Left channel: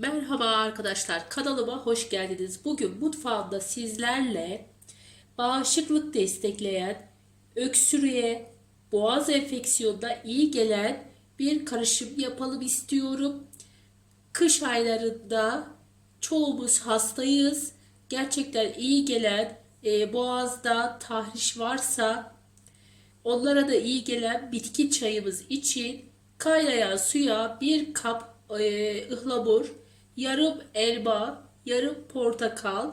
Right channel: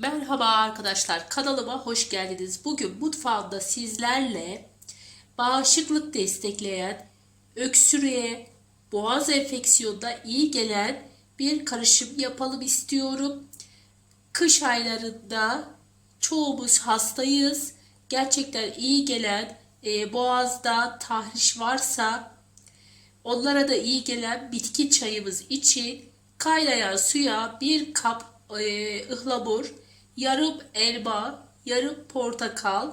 Merhaba arkadaşlar kanalıma hoş geldiniz. Bugün mutfağımda sizlerle bağışıklık destekleyen, öksürüğe, boğaz enfeksiyonuna iyi gelen bir karışım yapalım istiyorum. Kış aylarında çoğumuz hastayız. Gerçekten iyi gelen e, boğazda tahriş varsa onlara da iyi gelen bitki çayımız için kaynayan suya bir kap e, ıhlamur, yarım elma, yarım portakal,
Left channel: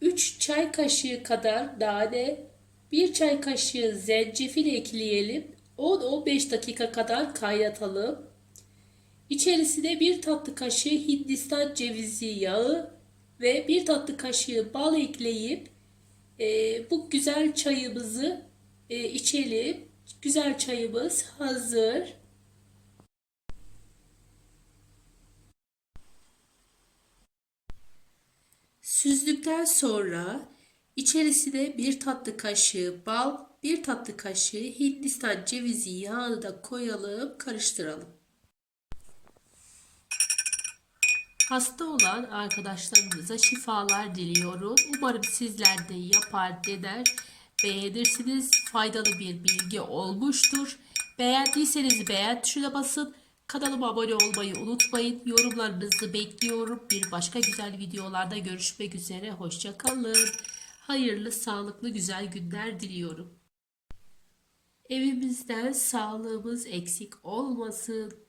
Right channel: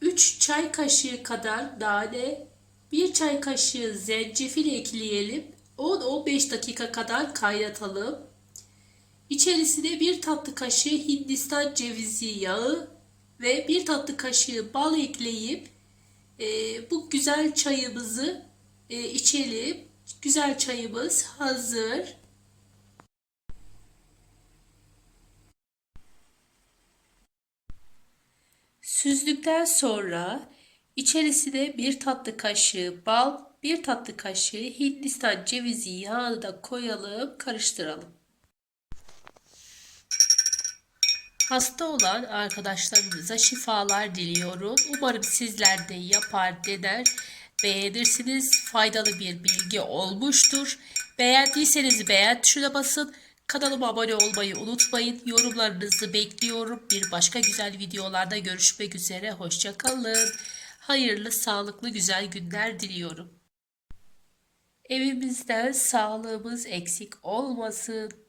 3 çay kaşığı kadar nane, 1 çay kaşığı zencefil ekleyelim. 10-15 dakika kadar kaynatalım. İçerisine 1 tatlı kaşığı Hindistan cevizi yağı ve 1 tatlı kaşığı bal ekleyip e, bu güzel çayımızı e, içelim. Güzel çayımız hazır. Süzdükten sonra içerisine bir tatlı kaşığı bal, bir tatlı kaşığı Hindistan cevizi yağı da koyalım, karıştıralım. Hasta olan arkadaşlarımıza şifalar diliyorum. Umarım sizler de yapar, dener, beğenirsiniz. Faydalı bir bilgi olmuştur. Beğendiyseniz beğen tuşuna basın. Kanalıma abone olmayı unutmayın. Yorumlarınızı bekliyorum. Bir başka güzel videolarda görüşmek üzere. Hoşçakalın. Hayırlı, sağlıklı, güzel günler diliyorum. Evimizden sağlığımız eksik olmasın.